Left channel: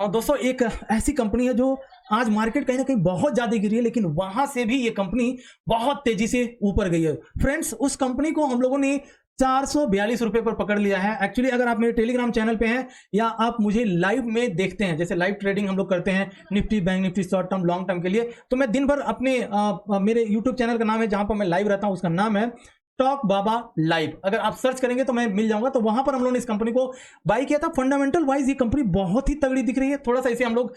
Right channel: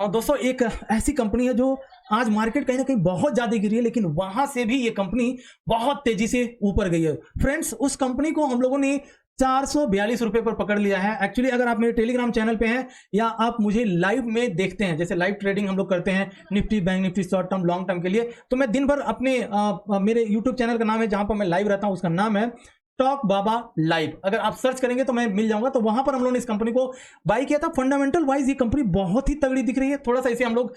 और दोस्तों एक ऐसी कंपनी है जो आज मार्केट कहीं ना कहीं बहुत ज्यादा गिरी है, लेकिन वहां से भी ये कंपनी बहुत तेजी से ऊपर गई है। फ्रेंड्स, उस कंपनी को हम लोगों ने 442 रुपए पर पकड़ लिया है। एक्चुअली अगर आप मेरे टेलीग्राम चैनल पे हैं या आप मुझे लाइव में देखते हैं, जैसे लाइव ट्रेडिंग हम लोग करते हैं Nifty, bank Nifty, short term, long term के लिए, तो मैं दिन भर अपने मेरे यूट्यूब चैनल का नाम है जहां पर मैं लाइव रहता हूं, उसका नाम है टॉक बाबा लाइव। अगर आप सर्च करेंगे तो मैं मिल जाऊंगा। तो वहां पर हम लोगों ने इस कंपनी को बाई किया था। फंडामेंटल वाइज ये कंपनी बहुत ही तगड़ी दिख रही है। थोड़ा सा इसे हम लोग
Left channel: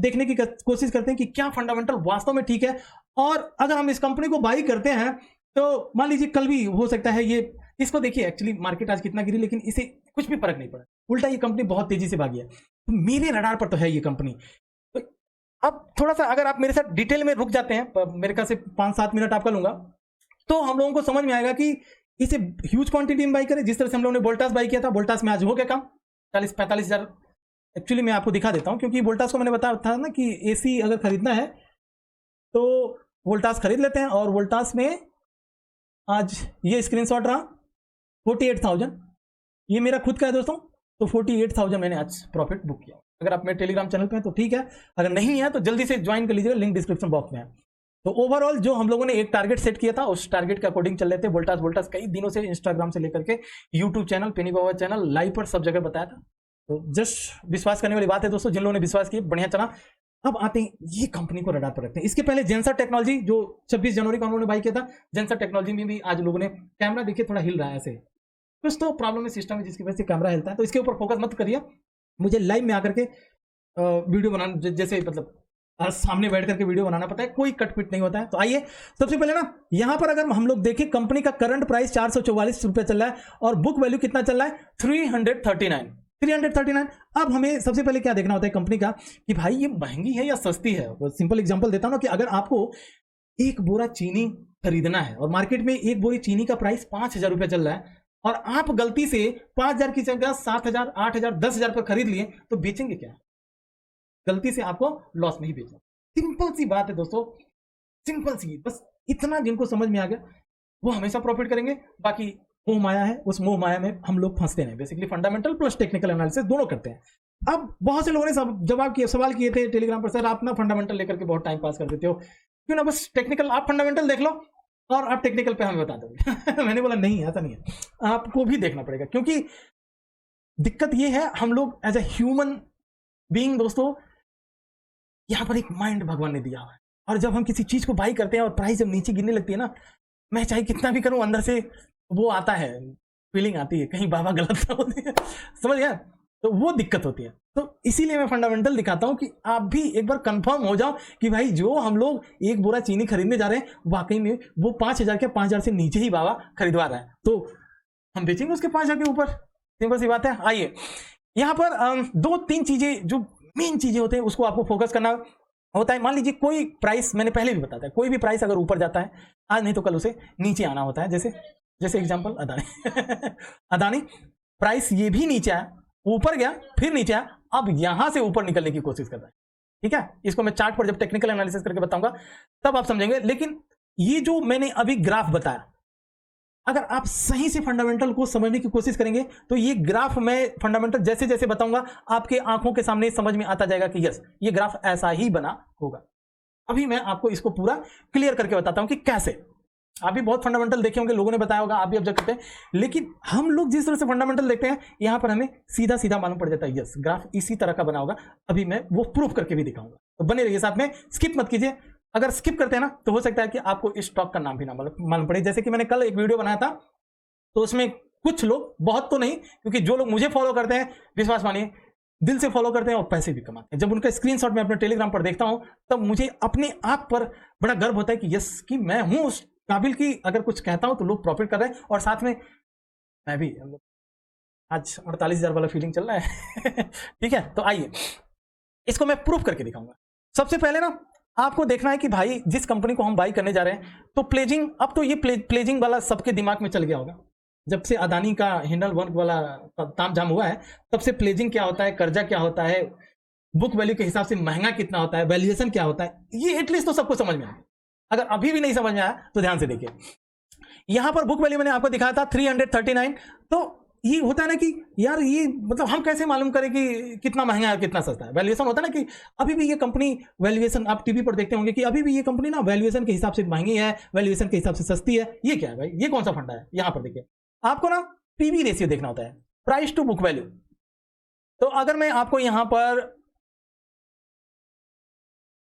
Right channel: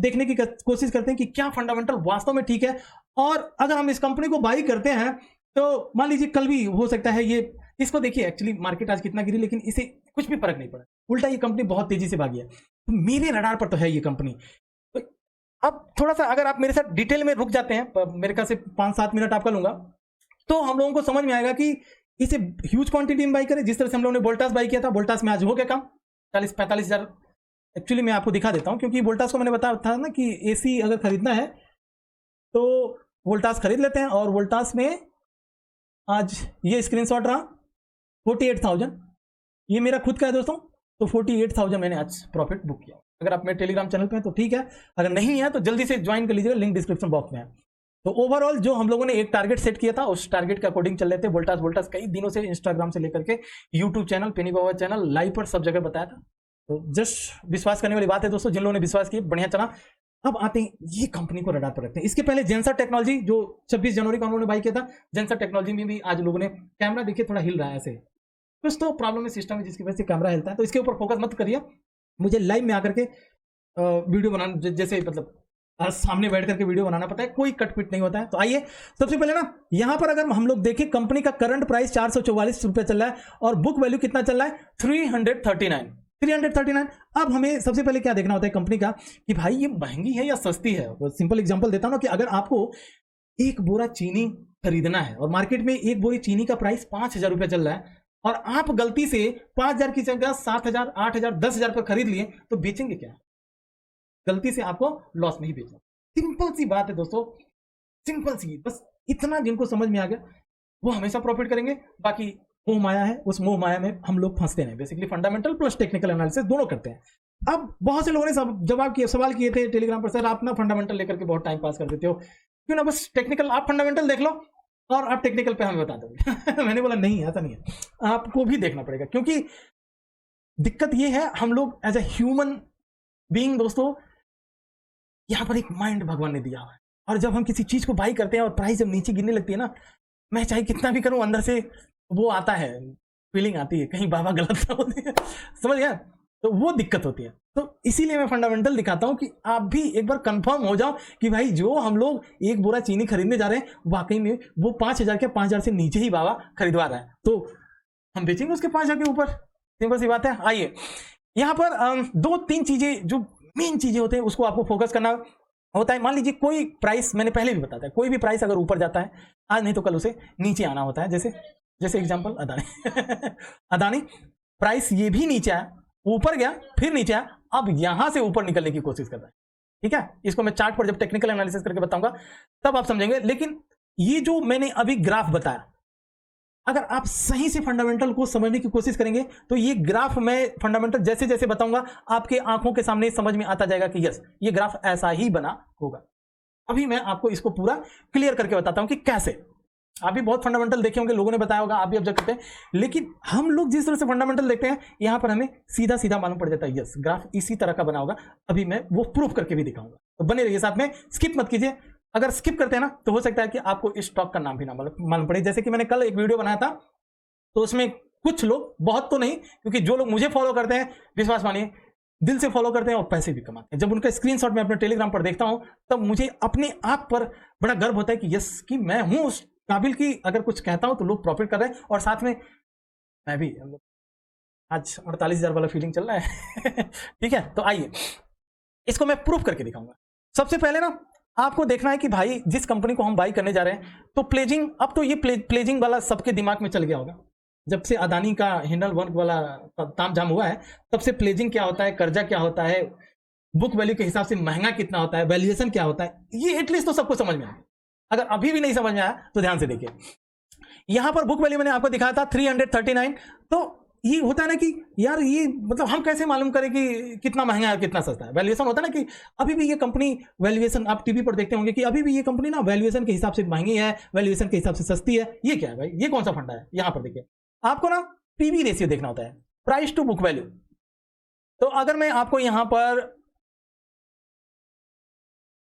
देखने की कोशिश करते हैं कि क्या फंडामेंटल वास्तव में ठीक है। और अगर हम इस कंपनी को बाई करते हैं तो मान लीजिए कल भी हो सकता है ये, इसको देखिए एक्चुअली मार्केट आज कितना गिरी, लेकिन इसे कुछ भी फर्क नहीं पड़ा, उल्टा ये कंपनी बहुत तेजी से भागी है। तो मेरे रडार पर तो है ये कंपनी। थोड़ा सा अगर आप मेरे से डिटेल में रुक जाते हैं, मेरे ख्याल से 5-7 मिनट आपका लूंगा, तो हम लोगों को समझ में आएगा कि इसे ह्यूज क्वांटिटी में बाई करें। जिस तरह से हम लोगों ने वोल्टास बाई किया था, वोल्टास में आज हो गया काम 40-45 हजार। एक्चुअली मैं आपको दिखा देता हूं, क्योंकि वोल्टास को मैंने बताया था ना कि एसी अगर खरीदना है तो वोल्टास खरीद लेते हैं। और वोल्टास में आज ये स्क्रीनशॉट रहा 48,000, ये मेरा खुद का है दोस्तों। तो 48,000 मैंने आज प्रॉफिट बुक किया। अगर आप मेरे टेलीग्राम चैनल पे हैं तो ठीक है, अगर नहीं है तो जल्दी से ज्वाइन कर लीजिएगा, लिंक डिस्क्रिप्शन बॉक्स में है। तो ओवरऑल जो हम लोगों ने एक टारगेट सेट किया था, उस टारगेट के अकॉर्डिंग चल रहे थे। वोल्टास कई दिनों से इंस्टाग्राम से लेकर के यूट्यूब चैनल, पेनी बाबा चैनल, लाइव पर सब जगह बताया था। तो जस्ट विश्वास करने वाली बात है दोस्तों, जिन लोगों ने विश्वास किया बढ़िया चला। अब आते हैं ये कंपनी को रडार पर रखते हैं। इसके पहले जेंसर टेक्नोलॉजी जो 26 जनवरी को हम लोगों ने बाई किया था, जेंसर टेक्नोलॉजी में भी आज लोगों ने कैमरा देखिए थोड़ा हिल रहा है ऐसे, कुछ तो प्रॉब्लम है सिस्टम में जिसकी वजह से कैमरा हिलता है। तो इसके ऊपर फोकस मत करिए, मुझे लाइव में आकर के वीडियो बनाना, जैसे मतलब सामने बैठ करके वीडियो बनाना पड़ता है, कोई कटपिट नहीं होता है। तो आइए सबसे पहले ना यहां पर अगर हम लोग देखें, कंपनी का करंट प्राइस 444 रुपए चल रहा है और बुक वैल्यू कितना चल रहा है 339। अब हमें सबसे पहले क्या देखना होता है कंपनी का कि भाई ये महंगी है या सस्ती है। तो सिंपल एग्जांपल देता हूं ना कि अगर आपको एक बोरा चीनी खरीदना है और मार्केट में एक बोरी चीनी का प्राइस 5,000 रुपए चल रहा है और आप गलती से 5,000 की जगह 7,000, 8,000, 10,000 पर खरीद लिए, तो बेचेंगे क्या? गलती से आपको लॉस नहीं बेचना। सिंपल सी बात है दोस्तों, सिंपल सी, बस इतना जिनको समझ में आ गया वो हमेशा प्रॉफिट करेंगे। बाकी मोह माया है, उस मोह माया में हम लोग फंसते हैं। Basically fundamental plus technical analysis दोनों करते हैं। अब बहुत से लोगों ने सवाल किए थे टेलीग्राम पर, सर आप ना फंडामेंटल लेकर के बहुत टाइम पास कर देते हो, क्यों ना बस टेक्निकल, आप फंडामेंटल देख लो और आप टेक्निकल पे हमें बता दोगे। मैंने बोला नहीं, ऐसा नहीं है, आपको भी देखना पड़ेगा। क्योंकि दिक्कत ये है, हम लोग एज ए ह्यूमन बीइंग दोस्तों, यहां पर एक माइंड भगवान ने दिया है, और जब हम किसी चीज को बाई करते हैं और प्राइस जब नीचे गिरने लगती है ना, मैं चाहे कितना भी करूं अंदर से वो आता है, फीलिंग आती है कहीं बाबा गलत ना होते हैं, समझ गया? तो वो दिक्कत होती है। तो इसीलिए मैं फंडामेंटल दिखाता हूं कि आप भी एक बार कंफर्म हो जाओ कि भाई जो हम लोग एक बोरा चीनी खरीदने जा रहे हैं वाकई में वो 5,000 के 5,000 से नीचे ही बाबा खरीदवा रहा है, तो हम बेचेंगे उसके 5,000 के ऊपर। सिंपल सी बात है। आइए, मेन चीजें होते हैं उसको आपको फोकस करना होता है। मान लीजिए कोई प्राइस, मैंने पहले भी बताया, कोई भी प्राइस अगर ऊपर जाता है आज नहीं तो कल उसे नीचे आना होता है। जैसे एग्जांपल अदानी अदानी प्राइस ये भी नीचे आया, ऊपर गया, फिर नीचे आया, अब यहां से ऊपर निकलने की कोशिश कर रहा है। ठीक है, इसको मैं चार्ट पर जब टेक्निकल एनालिसिस करके बताऊंगा। ये जो मैंने अभी ग्राफ बताया, अगर आप सही से फंडामेंटल को समझने की कोशिश करेंगे तो ये ग्राफ मैं फंडामेंटल जैसे जैसे बताऊंगा आपके आंखों के सामने समझ में आता जाएगा कि यस ये ग्राफ ऐसा ही बना होगा। अभी मैं आपको इसको पूरा क्लियर करके बताता हूं कि कैसे। आप भी बहुत फंडामेंटल देखे होंगे, लोगों ने बताया होगा, आप भी ऑब्जर्व करते हैं, लेकिन हम लोग जिस तरह से फंडामेंटल देखते हैं यहां पर हमें सीधा सीधा मालूम पड़ जाता है यस ग्राफ इसी तरह का बना होगा। अभी मैं वो प्रूफ करके भी दिखाऊंगा, तो बने रहिए साथ में, स्किप मत कीजिए। अगर स्किप करते हैं ना तो हो सकता है कि आपको इस स्टॉक का नाम भी ना मालूम पड़े। जैसे कि मैंने कल एक वीडियो बनाया था, तो उसमें कुछ लोग, बहुत तो नहीं, क्योंकि जो लोग मुझे फॉलो करते हैं, विश्वास मानिए दिल से फॉलो करते हैं और पैसे भी कमाते हैं। जब उनका स्क्रीनशॉट मैं अपने टेलीग्राम पर देखता हूं तब मुझे अपने आप पर बड़ा गर्व होता है कि यस कि मैं हूं उस काबिल की, अगर कुछ कहता हूं तो लोग प्रॉफिट कर रहे हैं और साथ में मैं भी। आज 48,000 वाला फीलिंग चल रहा है। ठीक है, तो आइए इसको मैं प्रूफ करके दिखाऊंगा। सबसे पहले ना आपको देखना है कि भाई जिस कंपनी को हम बाई करने जा रहे हैं, तो प्लेजिंग, अब तो ये प्लेजिंग वाला सबके दिमाग में चल गया होगा। जब से अदानी का हिंडल वर्क वाला तामझाम हुआ है तब से प्लेजिंग क्या होता है, कर्जा क्या होता है, बुक वैल्यू के हिसाब से महंगा कितना होता है, वैल्यूएशन क्या होता है, ये एटलीस्ट तो सबको समझ में आया। अगर अभी भी नहीं समझ में आया तो ध्यान से देखिए। यहां पर बुक वैल्यू मैंने आपको दिखाया था 339, तो ये होता है ना कि यार ये मतलब हम कैसे मालूम करें कि कितना महंगा है कितना सस्ता है। वैल्यूएशन होता है ना कि अभी भी ये कंपनी वैल्यूएशन आप टीवी पर देखते होंगे कि अभी भी ये कंपनी ना वैल्यूएशन के हिसाब से महंगी है, वैल्यूएशन के हिसाब से सस्ती है। ये क्या है भाई, ये कौन सा फंडा है? यहाँ पर देखिए, आपको ना पीवी रेशियो देखना होता है, प्राइस टू बुक वैल्यू। तो अगर मैं आपको यहाँ पर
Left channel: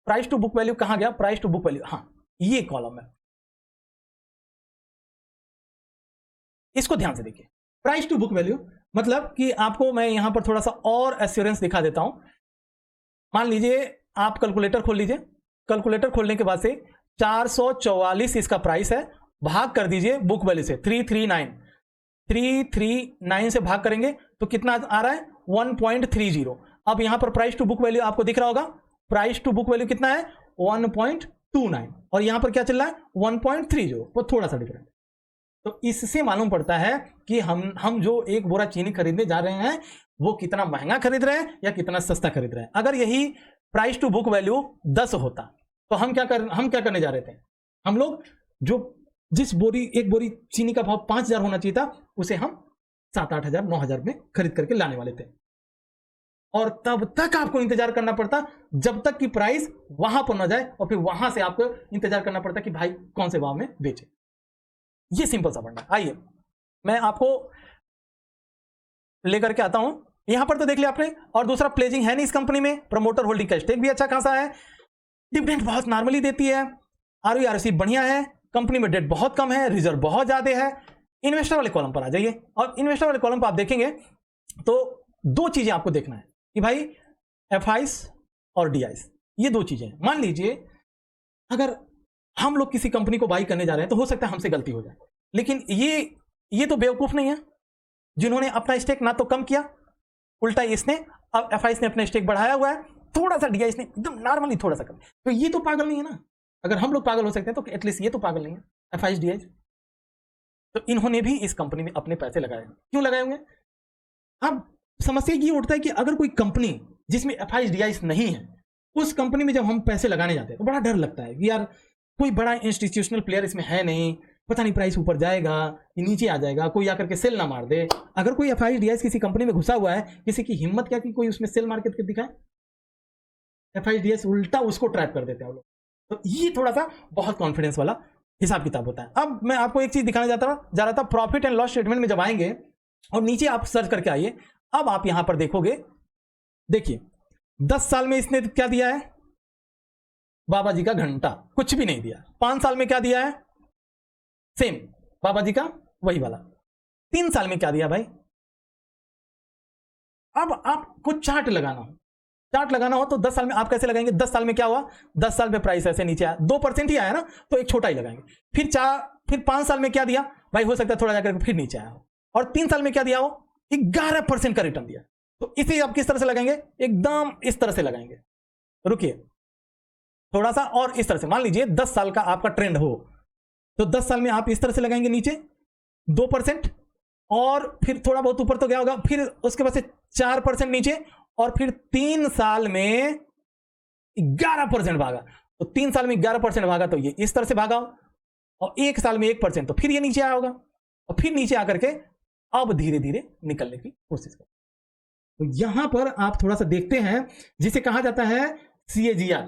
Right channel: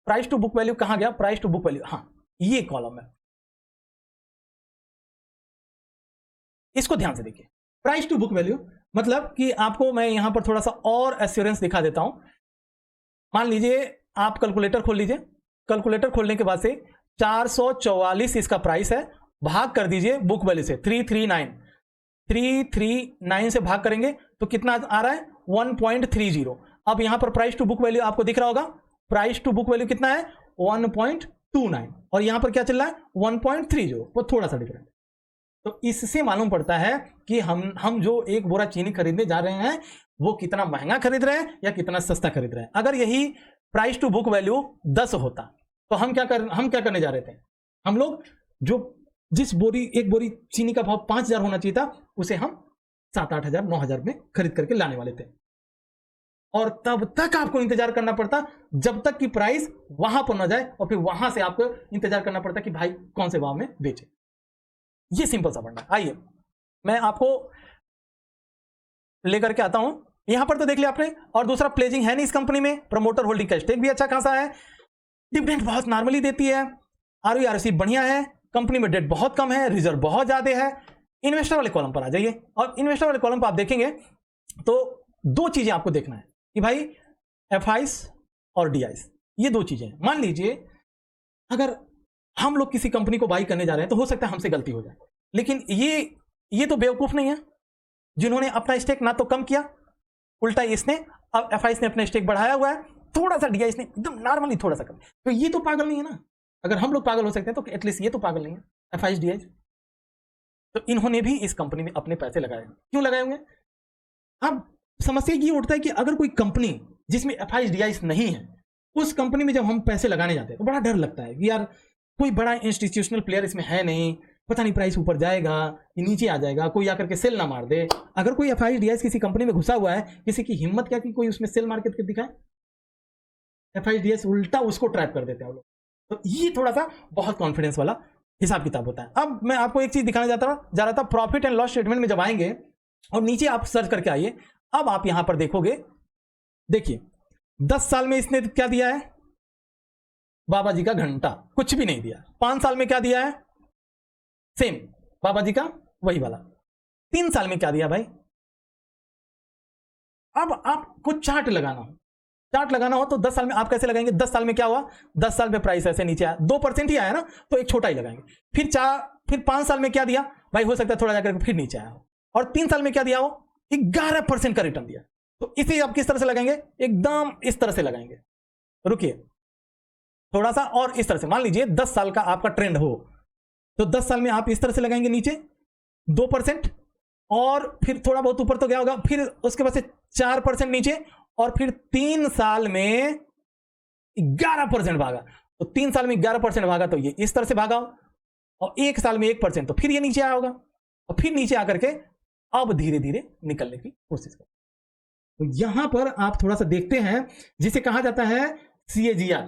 प्राइस टू बुक वैल्यू कहाँ गया, प्राइस टू बुक वैल्यू, हाँ ये कॉलम है, इसको ध्यान से देखिए। प्राइस टू बुक वैल्यू मतलब कि आपको मैं यहां पर थोड़ा सा और एश्योरेंस दिखा देता हूं। मान लीजिए आप कैलकुलेटर खोल लीजिए, कैलकुलेटर खोलने के बाद से 444 इसका प्राइस है, भाग कर दीजिए बुक वैल्यू से 339 से भाग करेंगे तो कितना आ रहा है 1.30। अब यहां पर प्राइस टू बुक वैल्यू आपको दिख रहा होगा, प्राइस टू बुक वैल्यू कितना है 1.29 और यहां पर क्या चल रहा है 1.30, वो थोड़ा सा दिख रहा है। तो इससे मालूम पड़ता है कि हम जो एक बोरा चीनी खरीदने जा रहे हैं वो कितना महंगा खरीद रहे हैं या कितना सस्ता खरीद रहे हैं। अगर यही प्राइस टू बुक वैल्यू 10 होता तो हम क्या करने जा रहे थे, हम लोग जो जिस एक बोरी चीनी का भाव 5,000 होना चाहिए था उसे हम 7-8 हजार 9,000 में खरीद करके लाने वाले थे। और तब तक आपको इंतजार करना पड़ता जब तक कि प्राइस वहां पर ना जाए, तो फिर वहां से आपको इंतजार करना पड़ता कि भाई कौन से भाव में बेचे। ये सिंपल सा फंडा। आइए मैं आपको लेकर के आता हूं, यहां पर तो देख लिया आपने। और दूसरा प्लेजिंग है नहीं इस कंपनी में, प्रमोटर होल्डिंग का स्टेक भी अच्छा खासा है, डिविडेंड बहुत नॉर्मली देती है, आरओआरसी बढ़िया है, कंपनी में डेट बहुत कम है, रिजर्व बहुत ज्यादा है। इन्वेस्टर वाले कॉलम पर आ जाइए और इन्वेस्टर वाले कॉलम पर आप देखेंगे तो दो चीजें आपको देखना है कि भाई एफआईस और डीआईस, ये दो चीजें। मान लीजिए अगर हम लोग किसी कंपनी को बाई करने जा रहे हैं तो हो सकता है हमसे गलती हो जाए, लेकिन ये तो बेवकूफ नहीं है जिन्होंने अपना स्टेक ना तो कम किया, उल्टा इसने अब एफआईएस ने अपना स्टेक बढ़ाया हुआ, थोड़ा सा डीआईएस ने एकदम नॉर्मली थोड़ा सा कम। तो ये तो पागल नहीं है ना, अगर हम लोग पागल हो सकते हैं तो एटलीस्ट ये तो पागल नहीं है एफआईएस डीआईएस। तो इन्होंने भी इस कंपनी में अपने पैसे लगाए, क्यों लगाए होंगे? अब समस्या ये उठता है कि अगर कोई कंपनी जिसमें एफआईएस डीआईएस नहीं है उस कंपनी में जब हम पैसे लगाने जाते हैं तो बड़ा डर लगता है कि यार कोई बड़ा इंस्टीट्यूशनल प्लेयर इसमें है नहीं, पता नहीं प्राइस ऊपर जाएगा नीचे आ जाएगा, कोई आकर के सेल ना मार दे। अगर कोई एफआईएस डीआईएस किसी कंपनी में घुसा हुआ है, किसी की हिम्मत क्या कि कोई उसमें सेल मार्केट कर दिखा, एफआईएस डीआईएस उल्टा उसको ट्रैप कर देते हैं लोग। तो ये थोड़ा सा बहुत कॉन्फिडेंस वाला हिसाब किताब होता है। अब मैं आपको एक चीज दिखाने जा रहा था, प्रॉफिट एंड लॉस स्टेटमेंट में जब आएंगे और नीचे आप सर्च करके आइए, अब आप यहां पर देखोगे, देखिए 10 साल में इसने क्या दिया है, बाबा जी का घंटा, कुछ भी नहीं दिया। 5 साल में क्या दिया है, सेम बाबा जी का वही वाला। 3 साल में क्या दिया भाई। अब चार्ट लगाना हो तो 10 साल में आप कैसे लगाएंगे, 10 साल में क्या हुआ, 10 साल में प्राइस ऐसे नीचे आया, 2% ही आया ना, तो एक छोटा ही लगाएंगे। फिर 5 साल में क्या दिया भाई, हो सकता है थोड़ा जाकर फिर नीचे आया। और 3 साल में क्या दिया, वो 11% का रिटर्न दिया। तो इसे आप किस तरह से लगाएंगे, एकदम इस तरह से लगाएंगे। रुकिए थोड़ा सा और इस तरह से, मान लीजिए 10 साल का आपका ट्रेंड हो तो 10 साल में आप इस तरह से लगाएंगे नीचे 2%, और फिर थोड़ा बहुत ऊपर तो क्या होगा, फिर उसके बाद से 4% नीचे, और फिर 3 साल में 11% भागा। तो 3 साल में 11% भागा तो ये इस तरह से भागा, और 1 साल में 1% तो फिर ये नीचे आया होगा, और फिर नीचे आकर के अब धीरे धीरे निकलने की कोशिश करें। तो यहां पर आप थोड़ा सा देखते हैं, जिसे कहा जाता है सीएजीआर।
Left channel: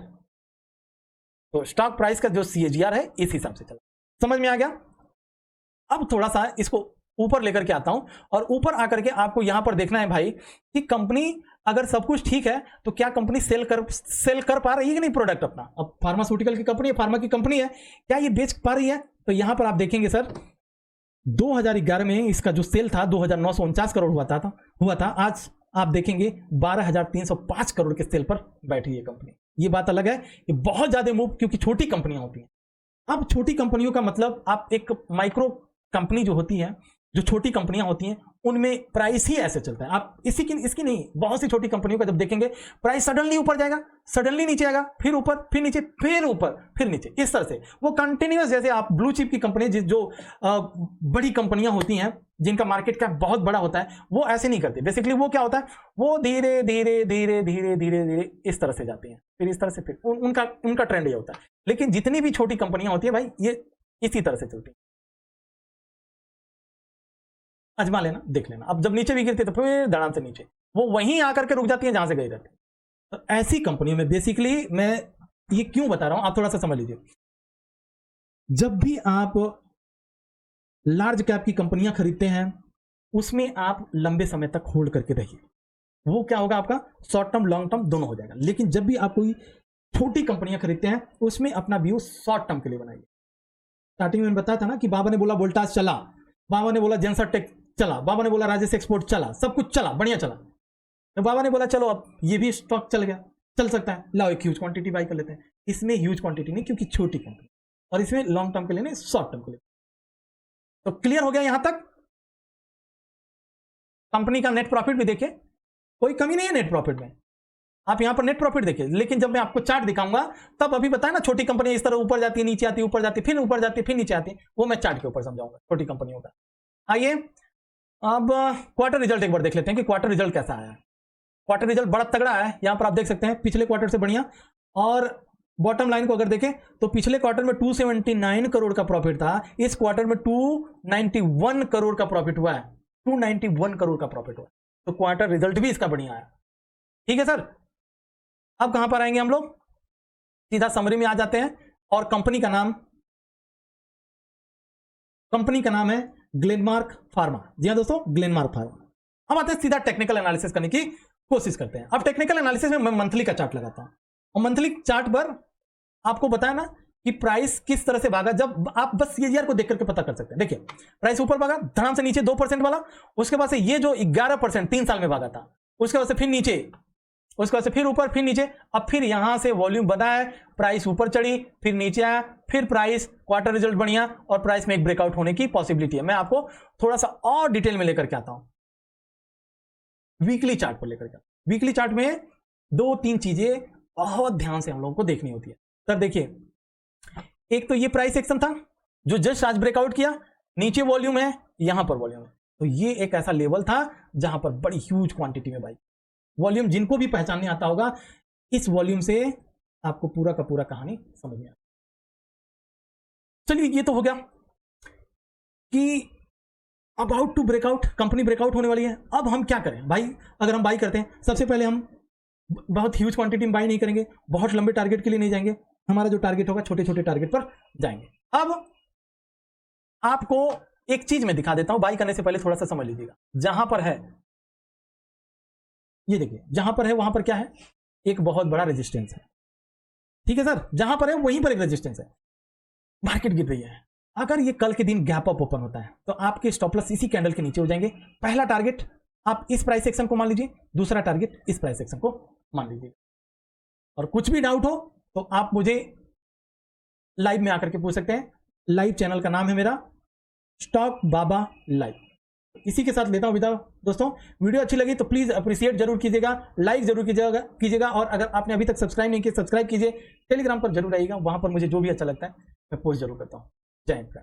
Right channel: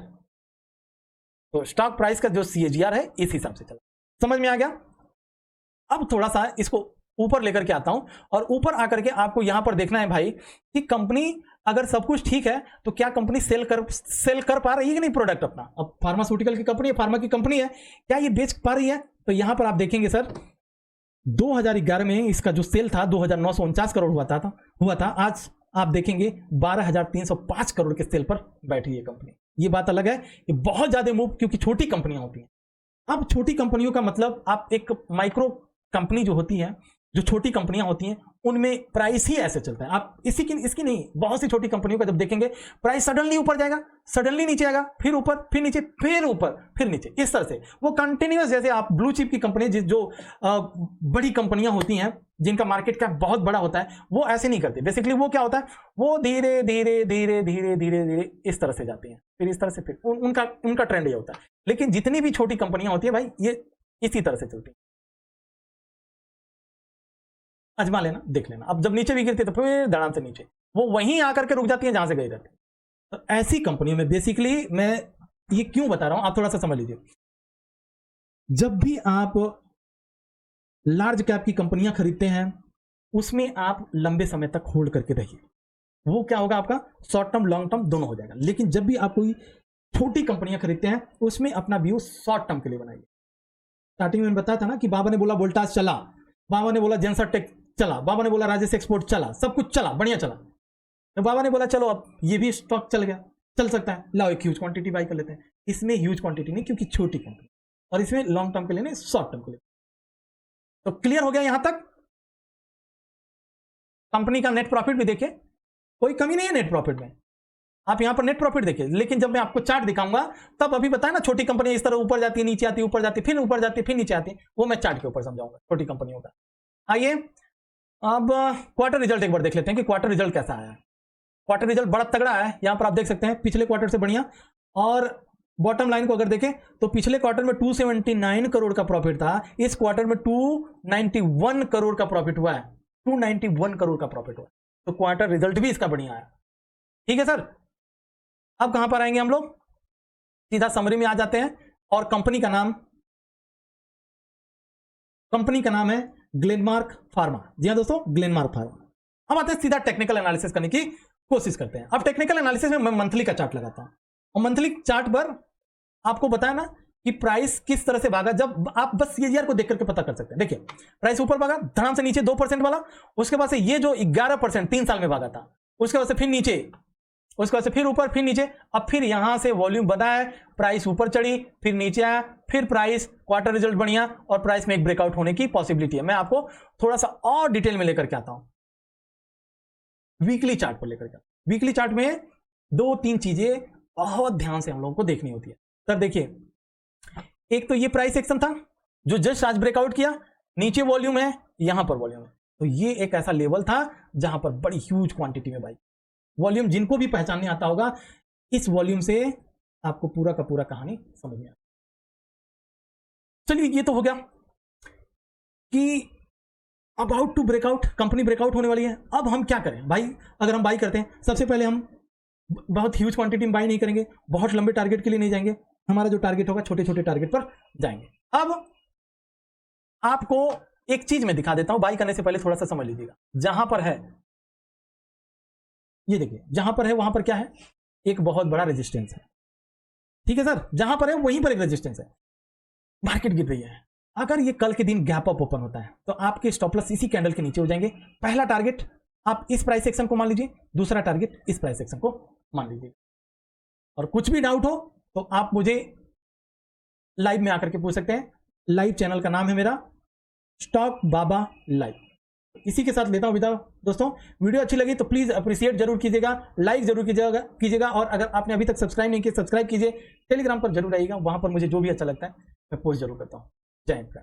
तो स्टॉक प्राइस का जो सीएजीआर है इस हिसाब से चला, समझ में आ गया। अब थोड़ा सा इसको ऊपर लेकर के आता हूं, और ऊपर लेकर के आपको यहां पर देखना है भाई कि कंपनी अगर सब कुछ ठीक है तो क्या कंपनी सेल कर पा रही है कि नहीं प्रोडक्ट अपना। अब फार्मास्यूटिकल की कंपनी है, फार्मा की कंपनी है, क्या ये बेच पा रही है? तो यहां पर आप देखेंगे सर 2011 में इसका जो सेल था 2,949 करोड़ हुआ था। आज आप देखेंगे 12,305 करोड़ के सेल पर बैठी है कंपनी। ये बात अलग है कि बहुत ज्यादा मूव, क्योंकि छोटी कंपनियां होती हैं। अब छोटी कंपनियों का मतलब आप एक माइक्रो कंपनी जो होती है, जो छोटी कंपनियां होती हैं, उनमें प्राइस ही ऐसे चलता है। आप इसकी नहीं, बहुत सी छोटी कंपनियों का जब देखेंगे प्राइस सडनली ऊपर जाएगा, सडनली नीचे आएगा, फिर ऊपर, फिर नीचे, फिर ऊपर, फिर नीचे, इस तरह से वो कंटिन्यूअस। जैसे आप ब्लू चिप की कंपनी जो बड़ी कंपनियां होती हैं जिनका मार्केट कैप बहुत बड़ा होता है, वो ऐसे नहीं करते। बेसिकली वो क्या होता है, वो धीरे धीरे धीरे धीरे धीरे धीरे इस तरह से जाती हैं, फिर इस तरह से, फिर उनका ट्रेंड ये होता है। लेकिन जितनी भी छोटी कंपनियां होती है भाई, ये इसी तरह अजमा लेना, देख लेना। अब जब नीचे भी गिरती है तो फिर धड़ाम से नीचे वो वहीं आकर के रुक जाती है जहां से गई रहती है। तो ऐसी कंपनियों में बेसिकली मैं ये क्यों बता रहा हूं, आप थोड़ा सा समझ लीजिए। जब भी आप लार्ज कैप की कंपनियां खरीदते हैं उसमें आप लंबे समय तक होल्ड करके रहिए, वो क्या होगा आपका शॉर्ट टर्म लॉन्ग टर्म दोनों हो जाएगा। लेकिन जब भी आप कोई छोटी कंपनियां खरीदते हैं उसमें अपना व्यू शॉर्ट टर्म के लिए बनाइए। स्टार्टिंग में बताया था ना कि बाबा ने बोला वोल्टास चलाओ, बाबा ने बोला जेंसर टेक चला, बाबा ने बोला राजेश एक्सपोर्ट चला, सब कुछ चला, बढ़िया चला। तो बाबा ने बोला चलो अब ये भी स्टॉक चल गया, चल सकता है, लाओ एक ह्यूज क्वांटिटी बाई कर लेते हैं। इसमें ह्यूज क्वांटिटी नहीं क्योंकि छोटी कंपनी, और इसमें लॉन्ग टर्म के लिए नहीं शॉर्ट टर्म के लिए। तो क्लियर हो गया यहां तक। कंपनी का नेट प्रॉफिट भी देखिए, कोई कमी नहीं है नेट प्रॉफिट में, आप यहां पर नेट प्रॉफिट देखिए। लेकिन जब मैं आपको चार्ट दिखाऊंगा तब अभी बताया ना छोटी कंपनी इस तरह ऊपर जाती है नीचे आती है, ऊपर जाती है फिर ऊपर जाती है फिर नीचे आती है, वो मैं चार्ट के ऊपर समझाऊंगा छोटी कंपनियों का। आइए अब क्वार्टर रिजल्ट एक बार देख लेते हैं कि क्वार्टर रिजल्ट कैसा है। क्वार्टर रिजल्ट बड़ा तगड़ा है, यहां पर आप देख सकते हैं पिछले क्वार्टर से बढ़िया। और बॉटम लाइन को अगर देखें तो पिछले क्वार्टर में 279 करोड़ का प्रॉफिट था, इस क्वार्टर में 291 करोड़ का प्रॉफिट हुआ है, 291 करोड़ का प्रॉफिट हुआ है। तो क्वार्टर रिजल्ट भी इसका बढ़िया है। ठीक है सर, अब कहां पर आएंगे हम लोग, सीधा समरी में आ जाते हैं। और कंपनी का नाम है ग्लेनमार्क फार्मा। जी हाँ दोस्तों, ग्लेनमार्क फार्मा। अब आते हैं सीधा टेक्निकल एनालिसिस करने की कोशिश करते हैं। अब टेक्निकल एनालिसिस में मैं मंथली का चार्ट लगाता हूं, और मंथली चार्ट पर आपको बताया ना कि प्राइस किस तरह से भागा। जब आप बस सीएजीआर को देख करके पता कर सकते हैं। देखिए प्राइस ऊपर भागा धड़ाम से नीचे 2% वाला, उसके बाद से ये जो 11% 3 साल में भागा था, उसके बाद से फिर नीचे, उसके बाद से फिर ऊपर फिर नीचे, अब फिर यहां से वॉल्यूम बना है, प्राइस ऊपर चढ़ी फिर नीचे आया, फिर प्राइस क्वार्टर रिजल्ट बढ़िया, और प्राइस में एक ब्रेकआउट होने की पॉसिबिलिटी है। मैं आपको थोड़ा सा और डिटेल में लेकर के आता हूं, वीकली चार्ट पर लेकर के। वीकली चार्ट में 2-3 चीजें बहुत ध्यान से हम लोगों को देखनी होती है। सर देखिए, एक तो ये प्राइस एक्शन था जो जस्ट आज ब्रेकआउट किया, नीचे वॉल्यूम है, यहां पर वॉल्यूम है, तो ये एक ऐसा लेवल था जहां पर बड़ी ह्यूज क्वांटिटी में भाई वॉल्यूम, जिनको भी पहचानने आता होगा इस वॉल्यूम से आपको पूरा का पूरा कहानी समझ में आता। चलिए ये तो हो गया कि about to breakout, company breakout होने वाली है। अब हम क्या करें भाई, अगर हम बाई करते हैं सबसे पहले हम बहुत ह्यूज क्वांटिटी में बाई नहीं करेंगे, बहुत लंबे टारगेट के लिए नहीं जाएंगे, हमारा जो टारगेट होगा छोटे छोटे टारगेट पर जाएंगे। अब आपको एक चीज मैं दिखा देता हूं, बाई करने से पहले थोड़ा सा समझ लीजिएगा। जहां पर है ये देखिए, जहां पर है वहां पर क्या है, एक बहुत बड़ा रेजिस्टेंस है। ठीक है सर, जहां पर है वहीं पर एक रेजिस्टेंस है, मार्केट गिर रही है। अगर ये कल के दिन गैप अप ओपन होता है तो आपके स्टॉप लॉस इसी कैंडल के नीचे हो जाएंगे। पहला टारगेट आप इस प्राइस सेक्शन को मान लीजिए, दूसरा टारगेट इस प्राइस सेक्शन को मान लीजिए। और कुछ भी डाउट हो तो आप मुझे लाइव में आकर के पूछ सकते हैं। लाइव चैनल का नाम है मेरा स्टॉक बाबा लाइव। इसी के साथ लेता हूं विदा दोस्तों। वीडियो अच्छी लगी तो प्लीज अप्रिशिएट जरूर कीजिएगा, लाइक जरूर कीजिएगा, और अगर आपने अभी तक सब्सक्राइब नहीं किया सब्सक्राइब कीजिए। टेलीग्राम पर जरूर आइएगा, वहां पर मुझे जो भी अच्छा लगता है मैं पोस्ट जरूर करता हूं। जय हिंद।